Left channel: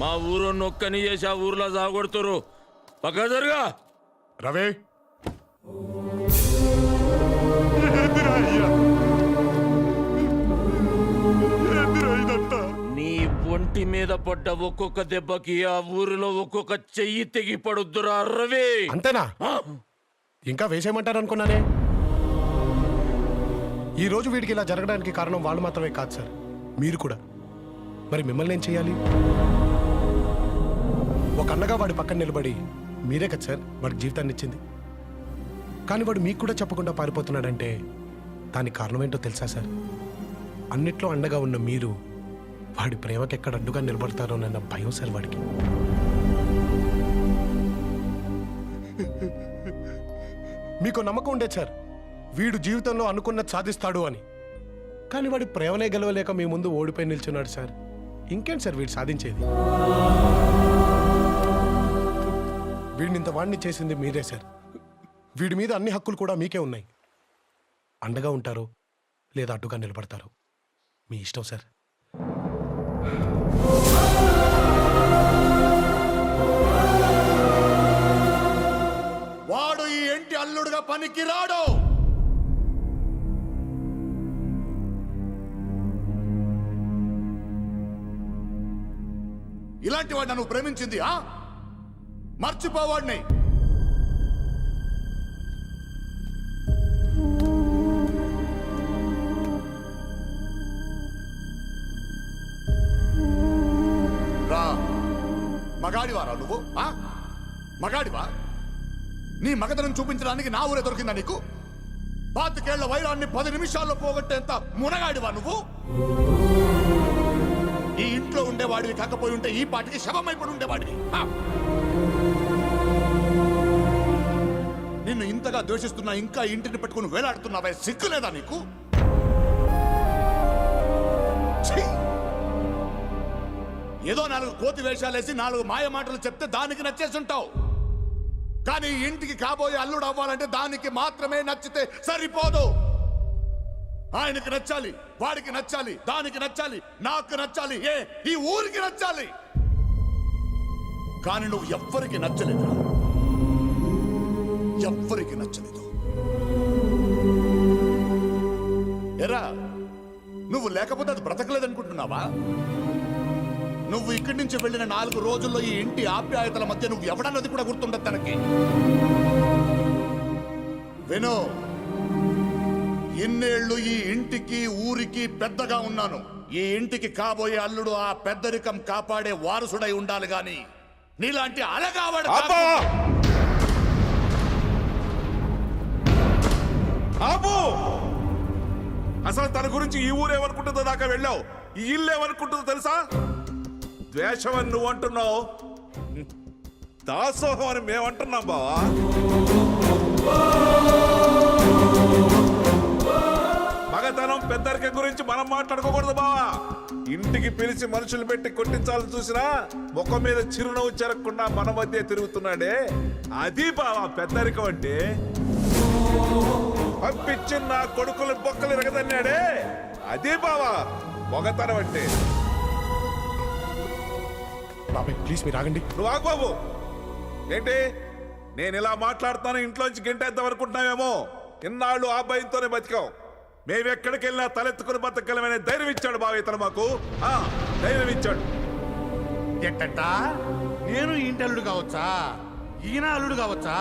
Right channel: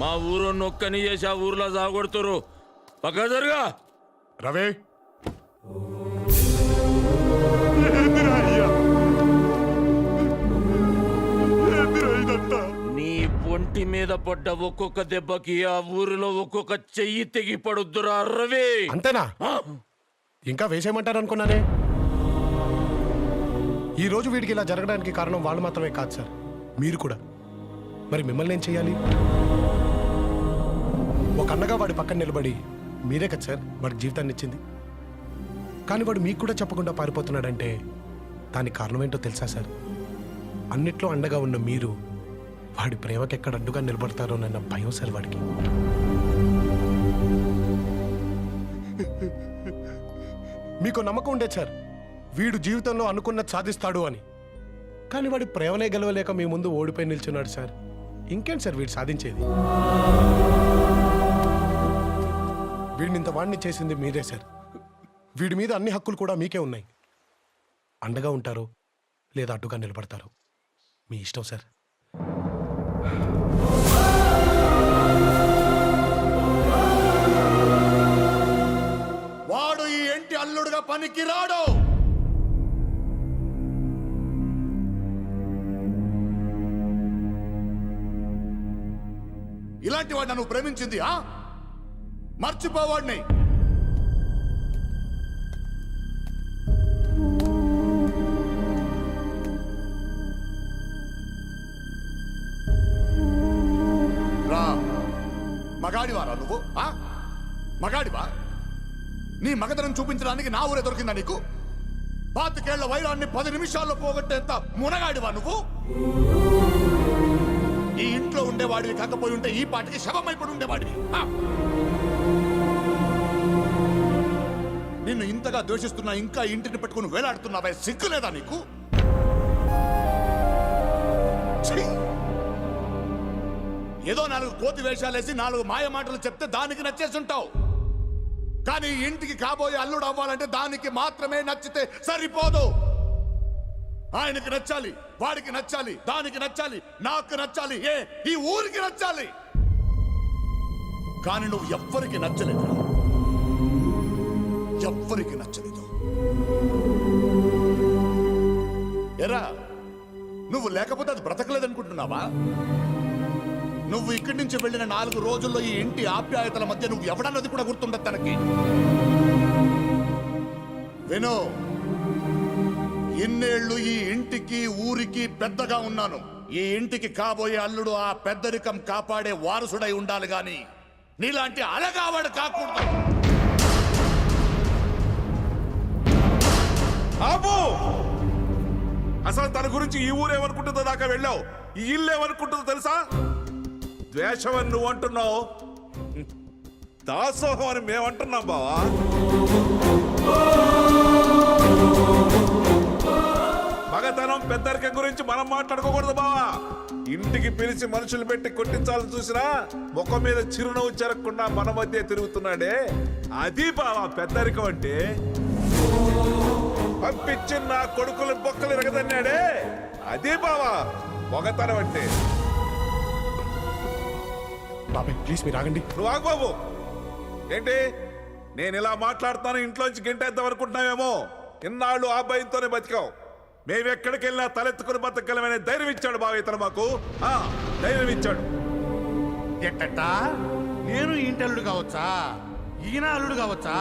మా ఊరు నొక్కని చేసి ఆ ఊర్లో సాగొడుతురు. పక్క జరుగా రవి నీ ఒంటి మీద పడ్డ ఒక్కొక్క దెబ్బకి ఆ ఊరిలో ఒక్కొక్క చెయ్యి తెగి పడుద్దురా రవి. అంతేనా? ఇంకా వేసేయమంటారు అనుకున్నానే. ఈ రోజు వీడికి ఇలా జరగడానికి కారణం వాళ్ళు మాత్రమే కాదు సార్, మీరు కూడా. మరి మిమ్మల్ని ఏం చేయాలి? ఒక అన్నగా వాడి పక్కన నిలబడి మీరే కదా సార్ వాడికి జీవితాన్ని ఇచ్చింది. కానీ వాడు మీకు కూడా చెప్పకుండా పారిపోతున్నాడంటే దానికి కారణం ఏంటో తెలుసా సార్? అన్నిట్లో అండగా ఉన్న మీరు వాడి ప్రేమకి ఎక్కడ అడ్డుగా నిలబడతారోనన్న భయం సార్ వాడికి. మీకు నమ్మకం ఉండేది సార్ వీడు జీవితంలో అనుకున్నది సాధిస్తాడు అని. కానీ వాడి ప్రేమనే గెలవలేక మీ ముందు ఓడిపోయి నిల్చున్నాడు సార్. ఇంకేంటి సార్ వీడు సాధించేది? వీడిని ఇంత వాడిని చేసింది మీరే సార్. వీడి మీద అన్ని హక్కులు కూడా మీకే ఉన్నాయి. అండగా ఉంటారు లేదా అడ్డుగా నిలబడతారు, మీ ఇష్టం సార్. వాడు ఈ ఇంటి అల్లుడుగా పనికి రాడు. ఇలాంటి వాడిని నువ్వు ప్రేమించింది మర్చిపోవాడిని. రా, మగాడివారా నువ్వు? మగాడివా? నీ మగతనం చూపించడానికి నా ఊరే దొరికిందా నీకు? 25 ఏళ్ల వైరాన్ని 10 నిమిషాల్లో పోగొట్టేంత మునగాడివా నువ్వు? ఈ ఇంట్లో ఉండేవాడివి కాకపోయి ఉంటే ఈ పాటికి శవమైపడి ఉండేవాడివి. నిన్ను ఇంతగా ద్వేషిస్తున్నా ఇంకా ఇంటిని పెట్టుకుని వేలాడుతున్నావే, సిగ్గులేదా నీకు? ఏదో 4 కోతి వేషాలేసి 4 మాయ మాటలు చెప్తే దానికి నచ్చేసుంటావు. కానీ ఇంటికి కాబోయే అల్లుడు అవ్వాలంటే దానికి మాత్రమే నచ్చితే సరిపోదు. ఆయనకి నచ్చాలి, వాడికి నచ్చాలి, దానికి నచ్చాలి, నాకు నచ్చాలి, ఈ ఊరికి నచ్చాలి. కానీ నువ్వు ఎవ్వరికి నచ్చలేదురా, ఎవ్వరికి నచ్చలేదు. ఎరా, నువ్వు లేకపోతే అది బ్రతకలేదనుకుంటున్నావా? నువ్వు ఇక్కడి నుంచి వెళ్ళిన 4 రోజుల్లో ఈ ఇంటి ఆప్యాయతల మధ్య నువ్వు ఎవడన్నది కూడా గుర్తుండదు తనకి. విను, ఇన్నేళ్లు ఈ ఇంటికి ఊరికి పెద్దగా ఉన్నాను. ఈ ఇంటికి కాబోయే అల్లుడు ఆ పెద్దరికం కాపాడే వారసుడై ఉండాలి గాని నీలాంటి అలగావాడు కాకుండా. అసలు తన గురించి ఈ ఊరేమనుకుంటుందో దాకా వెళ్ళావు, ఈ ఇల్లు ఏమనుకుంటుందో తెలుసా? ద్వేషం అని నువ్వు అంటున్నావు, దాసోహం అని మేమంటున్నాం బావా. మగతనం పెద్దరికం గురించి మనం మాట్లాడుకోకూడదు బావా. ఇంటికి పిలిచి మనుషులు పెట్టి కొట్టించాలని చూసినా ముఖం మీద చిరునవ్వు చెరగకుండా మన మధ్య తిరుగుతున్నాడే, అది బావా పెద్దరికం అంటే. పంపించి నా కొడుకులు బొక్కలు ఎరగదన్నాడే, అదే బావా మగతనం అంటే. బాబాయ్ ప్లీజ్ మీరు ఆగండి. నువ్వు ఆగు బాబు. ఏంటి నేను ఇలా మాట్లాడుతాను ఇంట్లోంచి గెంటేద్దాం అనుకుంటున్నావేమో? ఇన్నాళ్ళు ఆ భయంతోనే బతికావు. మేమెక్కడికి వెళ్ళినా తలెత్తుకుని బతకగలమనే ధైర్యం ఇచ్చాడు బావ ఇతను మాకు. ధైర్యం ఇచ్చాడు. ఎట్టట్టా నేను ఇంటి అల్లుడు కావచ్చా, ఈయన అల్లుడు కావచ్చా,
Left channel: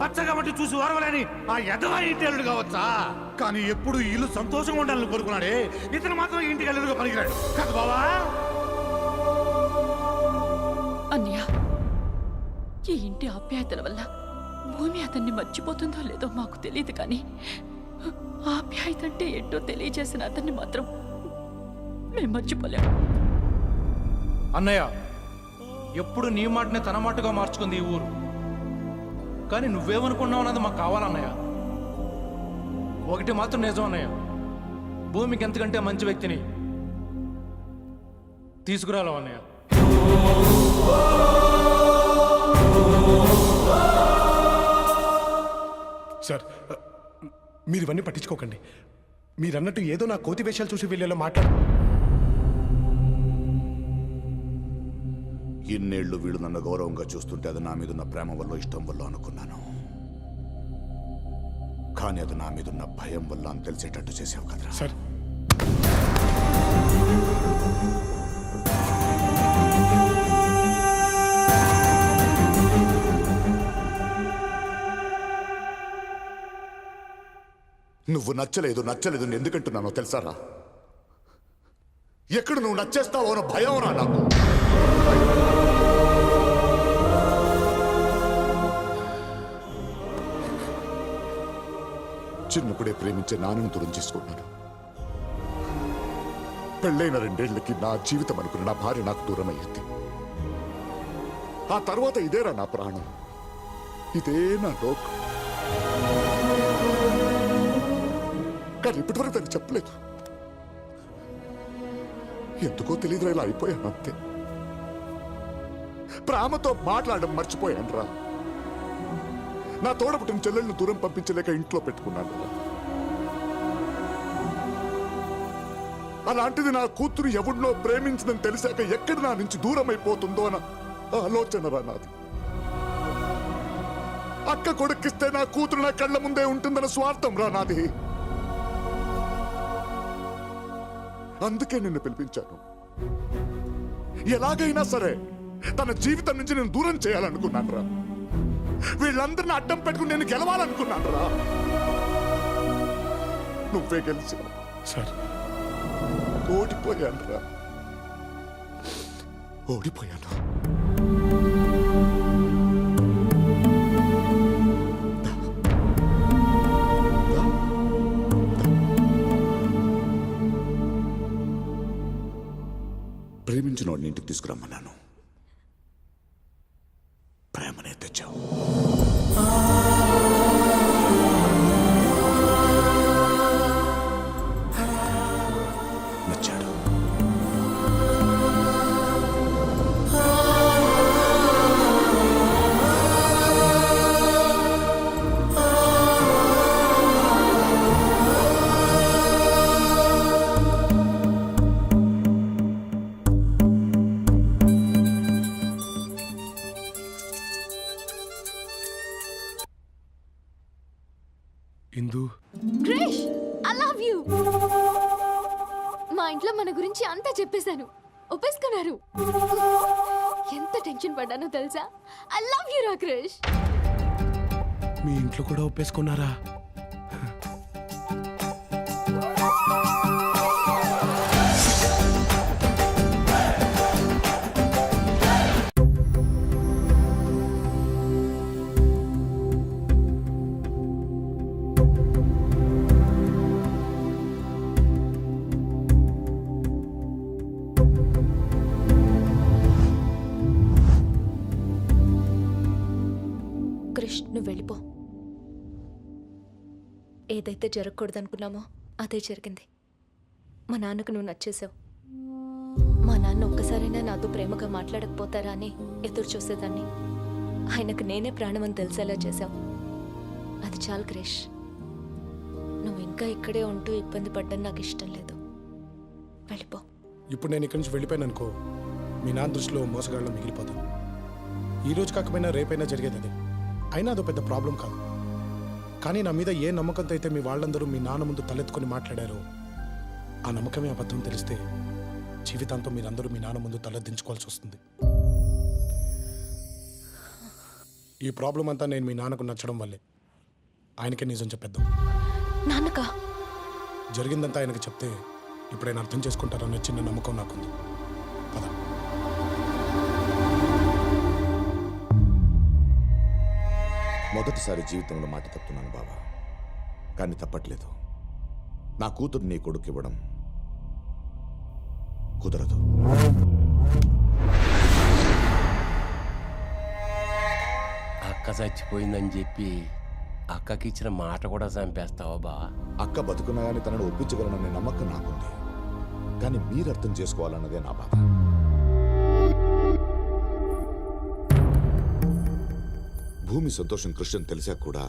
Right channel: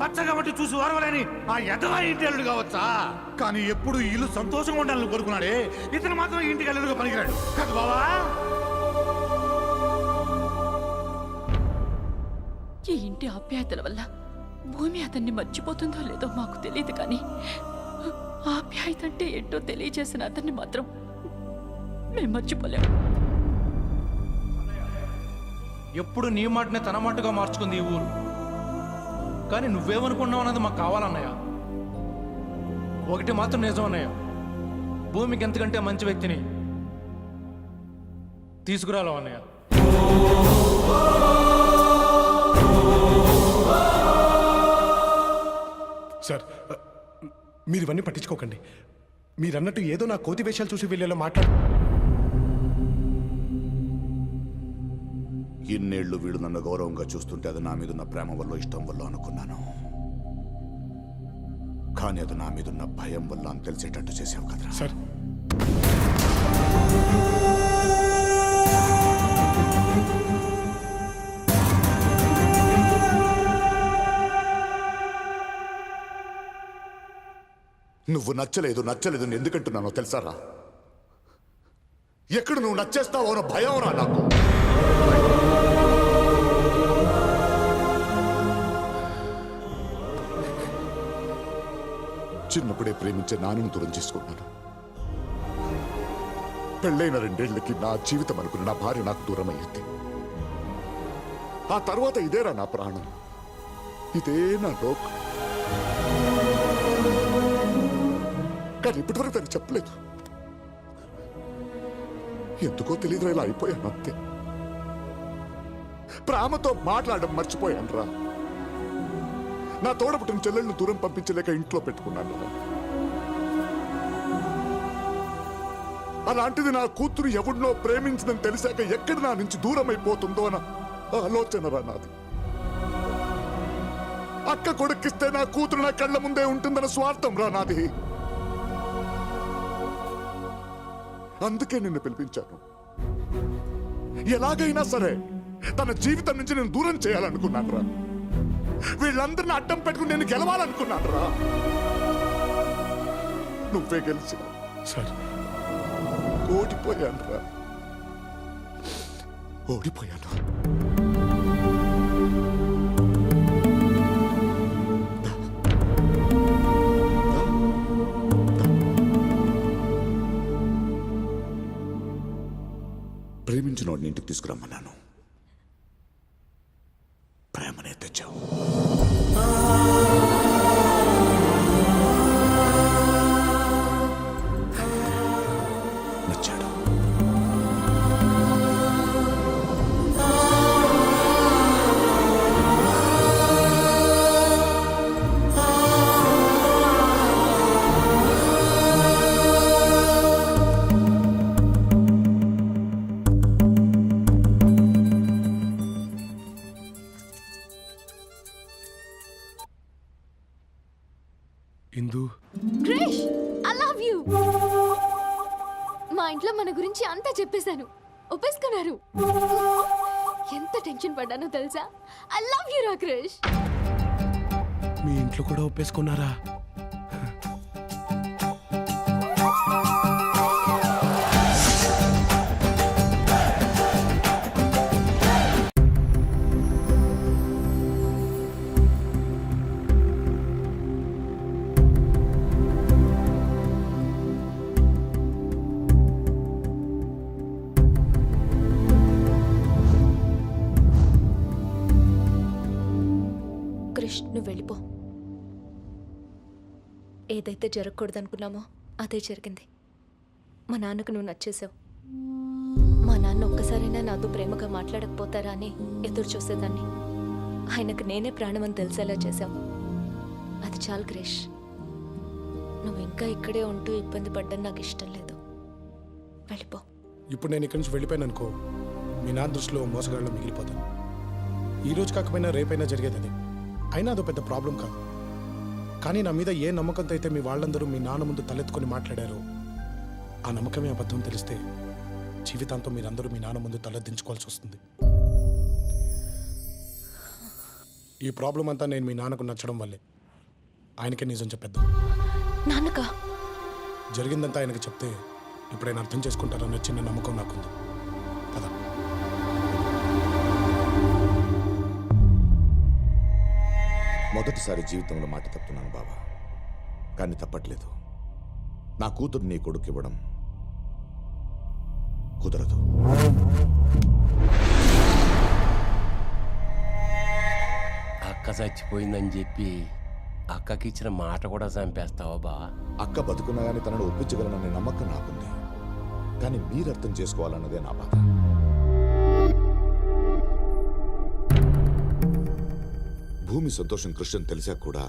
పచ్చగా బట్టి చూసి వారవలేని ఆ ఎదవా ఇంటి అల్లుడు కావచ్చా? కానీ ఎప్పుడు ఇల్లు సంతోషంగా ఉండాలని కోరుకున్నాడే, ఇతను మాత్రం ఇంటికి అల్లుడుగా పనికిరాడు కాదు బావా. అన్నయ్య, ఈ ఇంటి ఆప్యాయతల వల్ల భూమి అతన్ని మర్చిపోతుందో లేదో మాకు తెలియదు, కానీ ఆప్యాయత అంటే ఏంటో తెలియజేసిన అతన్ని మాత్రం మేము మర్చిపోలేము. అన్నయ్య, ఎప్పుడు నీ మాటనే తన మాటగా మార్చుకుంది ఈ ఊరు. కానీ నువ్వేమనుకున్నావు అన్నది మాకు కావాలన్నయ్య. ఒకటి మాత్రం నిజం అన్నయ్య, భూమికి ఎంతకంటే మంచి వ్యక్తిని తీసుకురాలో అన్నయ్య. సార్ మీరు ఇవన్నీ పట్టించుకోకండి. మీరన్నట్టు ఏదో నా కోతి వేషాలు చూసి వెళ్ళేలా మాట్లాడు. ఇన్నేళ్లు వీళ్ళు నన్ను గౌరవంగా చూస్తుంటే అది నా మీదున్న ప్రేమ వల్ల ఇష్టం వల్ల అనుకున్నాను. కానీ అది నా మీదున్న భయం వల్ల అని తెలిసేటట్టు చేసావు కదరా. సార్ నువ్వు నచ్చలేదు నచ్చలేదు ఎందుకంటున్నానో తెలుసారా? ఎక్కడ నువ్వు నచ్చేస్తావో అన్న భయం రా నాకు. చిన్నప్పుడే ప్రేమించే నాన్నను దూరం చేసుకున్నాను. పెళ్ళైన 2 ఏళ్లకి నా జీవితం అనుకున్న నా భార్య నాకు దూరం అయ్యింది. ఆ తర్వాత ఇదేరా నా ప్రాణం, ఇదే నా లోకం. కానీ ఇప్పటివరకు దానికి చెప్పలేదు. ఎందుకో తెలియదురా, ఇలా అయిపోయాను అంతే. ప్రేమతో మాట్లాడడం మర్చిపోయాను రా. నా తోడపుట్టిన చెల్లెళ్ళను దూరం పంపించలేక ఇంట్లో పెట్టుకున్నాను రా. అలాంటిది నా కూతురు ఎవడినో ప్రేమించిందని తెలిసాక ఎక్కడ నా నుంచి దూరం అయిపోతుందో అన్న ఆలోచన రా నాది. అక్క కొడుకిస్తే నా కూతురు నా కళ్ళ ముందే ఉంటుందన్న స్వార్థం రా నాది. అందుకే నిన్ను పిలిపించాను. ఎలాగైనా సరే తన జీవితం నుంచి నేను దూరం చేయాలనుకున్నాను రా. వీళ్ళందరిని అడ్డం పెట్టుకుని నేను గెలవాలనుకున్నాను రా. నువ్వే గెలిచావు. సార్ ఓడిపోయాను రా, ఓడిపోయాను. ప్రేమించిన వాడిని ఇంటికి తీసుకురమ్మన్నాను. ప్రేమనే తెచ్చావు. నచ్చాడు. ఇందు క్రిష్, ఐ లవ్ యూ. మా ఇంట్లో మన గురించి అంతా చెప్పేశాను, ఒప్పేసుకున్నారు. ఎంత టెన్షన్ పడ్డానో తెలుసా? ఐ లవ్ యూ రా క్రిష్. మీ ఇంట్లో కూడా ఒప్పేసుకున్నారా? క్రిష్, నువ్వు వెళ్ళిపో. ఏదైతే జరగకూడదనుకున్నామో అదే జరిగింది. మా నాన్నకు నువ్వు నచ్చేసావు. మా నాన్న ఒక్కసారైనా నాతో ప్రేమగా మాట్లాడకపోతారా అని ఎదురు చూసేదాన్ని. ఆయనకు నేనే ప్రాణమని తెలిసేలా చేశావు. అది చాలు క్రిష్. నువ్వు ఇంకా ఇక్కడే ఉంటూ ఇబ్బంది పడ్డం నాకు ఇష్టం లేదు. వెళ్ళిపో. ఇప్పుడు నేను ఇక్కడి నుంచి వెళ్ళిపోయాను అనుకో, మీ నాన్న దృష్టిలో మోసగాళ్ళలో మిగిలిపోతాను. ఈ రోజు కాకపోయినా రేపైనా జరిగేది అదే. అయినా అదో పెద్ద ప్రాబ్లం కాదు. కానీ నా మీద ఏ నమ్మకంతో అయితే మీ వాళ్ళందరూ మీ నాన్న ముందు తలెత్తుకొని మాట్లాడారో ఆ నమ్మకమే అబద్ధం తెలిస్తే జీవితాంతం మీరందరూ మీ నాన్న ముందు తలెత్తించుకోవాల్సి వస్తుంది. ఈ ప్రాబ్లం అంతా నేను మీ నాన్నకు నచ్చడం వల్లే. ఆయనకే నిజం చెప్పేద్దాం. నాన్నకా? జరిగిందంతా ఆయనకు చెప్తే ఇప్పుడు ఆయన అర్థం చేసుకుంటారన్న చిన్న నమ్మకం నాకుంది. పద. మొదటిసారి జీవితంలో మాట తప్పుతున్నాను బావా, కానీ తప్పట్లేదు. నా కూతురు నీ కొడుకు ఇవ్వడం కుదరదు. అక్క చచ్చిపోయిందని చెప్పి అక్కకి ఇచ్చిన మాట కూడా చంపేస్తావా బా? అక్క బతుకున్నా కానీ తనను ఒప్పించగలననే నమ్మకం నాకుంది. కానీ మీరు అర్థం చేసుకోవాలన్నదే నా బాధ. భూమి సంతోషం కృష్ణ తెలిసా కూడా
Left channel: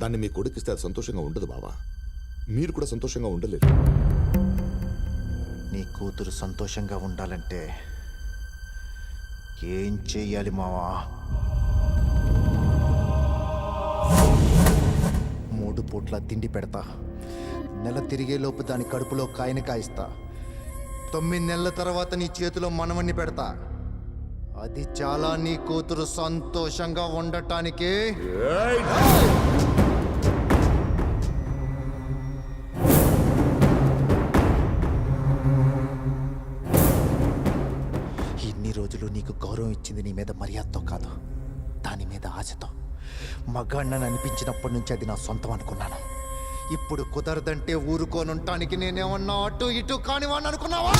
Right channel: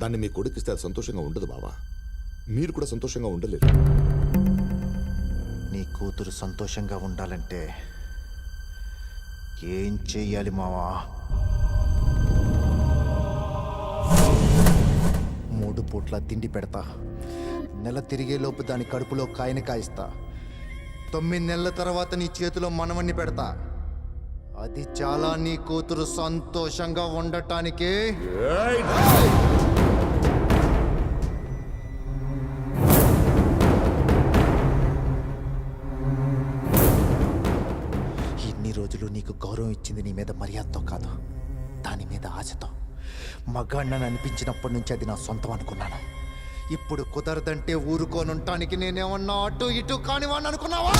దాన్ని మీ కొడుకిస్తే అది సంతోషంగా ఉండదు బావా. మీరు కూడా సంతోషంగా ఉండలేరు. నీ కూతురు సంతోషంగా ఉండాలంటే ఏం చెయ్యాలి మావా? 3 పూట్ల తిండి పెడతా. నెల తిరిగేలోపు దాని కడుపులో కాయని కాయిస్తా. 9 నెలల తర్వాత నీ చేతిలో మనవన్ని పెడతా. అది చాలా నీ కూతురు సంతోషంగా ఉండటానికి. ఇన్ని రోజులు నీకు గౌరవం ఇచ్చింది నీ మీద మర్యాదతో కాదు, దాని మీద ఆశతో. మగాణ్ణని అనిపించినప్పటి నుంచి అది నా సొంతం అనుకున్నాను. ఇప్పుడు కుదరదంటే ఊరుకోనుంటానికి నేనేమన్నా అటు ఇటు కానివాడిని అనుకున్నావా?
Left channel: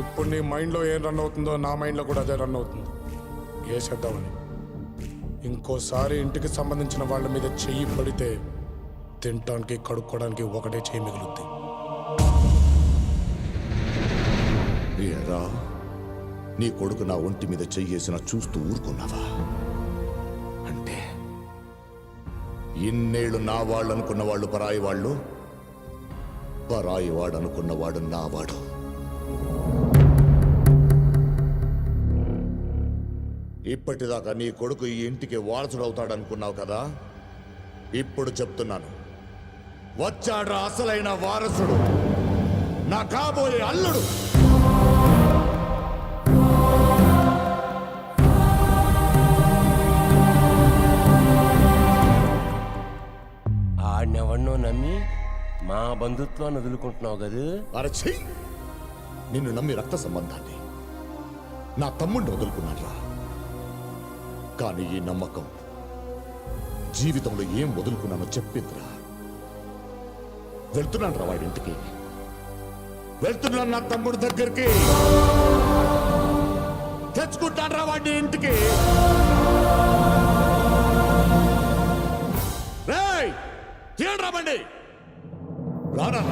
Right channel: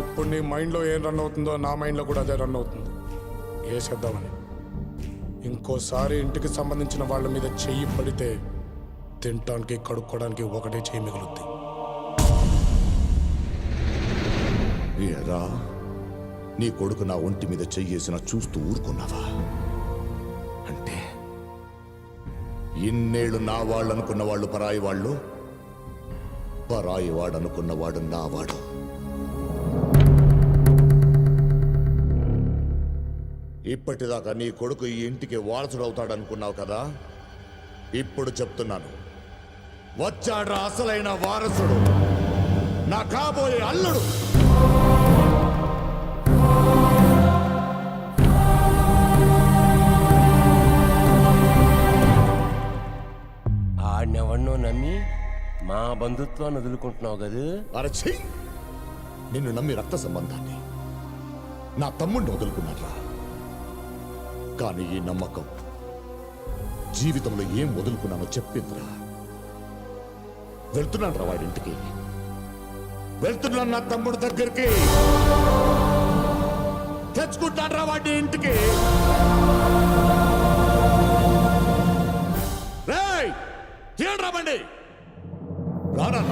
ఇప్పుడు నీ మైండ్లో ఏం రన్ అవుతుందో నా మైండ్లో కూడా అదే రన్ అవుతుంది. వేసేద్దామని. ఇంకోసారి ఇంటికి సంబంధించిన వాళ్ళ మీద చెయ్యి పడితే తినటానికి కడుక్కోవడానికి ఒకటే చెయ్యి మిగులుద్ది. ఏరా, నీ కొడుకు నా ఒంటి మీద చెయ్యేసిన చూస్తూ ఊరుకున్నావా? అంటే ఇన్నేళ్ళు నా వాళ్ళు అనుకున్న వాళ్ళు పరాయి వాళ్ళు, పరాయి వాడు అనుకున్నవాడు నా వాడు. ఇప్పటిదాకా నీ కొడుకు ఈ ఇంటికి వారసుడు అవుతాడనుకున్నావు కదా, ఇప్పుడు చెప్తున్నాను, వచ్చాడ్రా అసలైన వారసుడు, నా కాబోయే అల్లుడు. ఆడినెవన్నో నమ్మి మా బంధుత్వాన్ని వదులుకుంటున్నావు కదా. అరచి, నిన్ను నమ్మి రక్త సంబంధాన్ని, నా తమ్ముడిని వదులుకున్నాడ్రా. కానీ ఈ నమ్మకం జీవితంలో ఏం వదులుకున్నానో చెప్పిందిరా. వెళ్తున్నాను రా వాడింటికి, వెళ్తున్నాను నా తమ్ముడి దగ్గరికి, తెచ్చుకుంటాను రా వాడి ఇంటికి. రేయ్, తీయండి రా బండి. రానా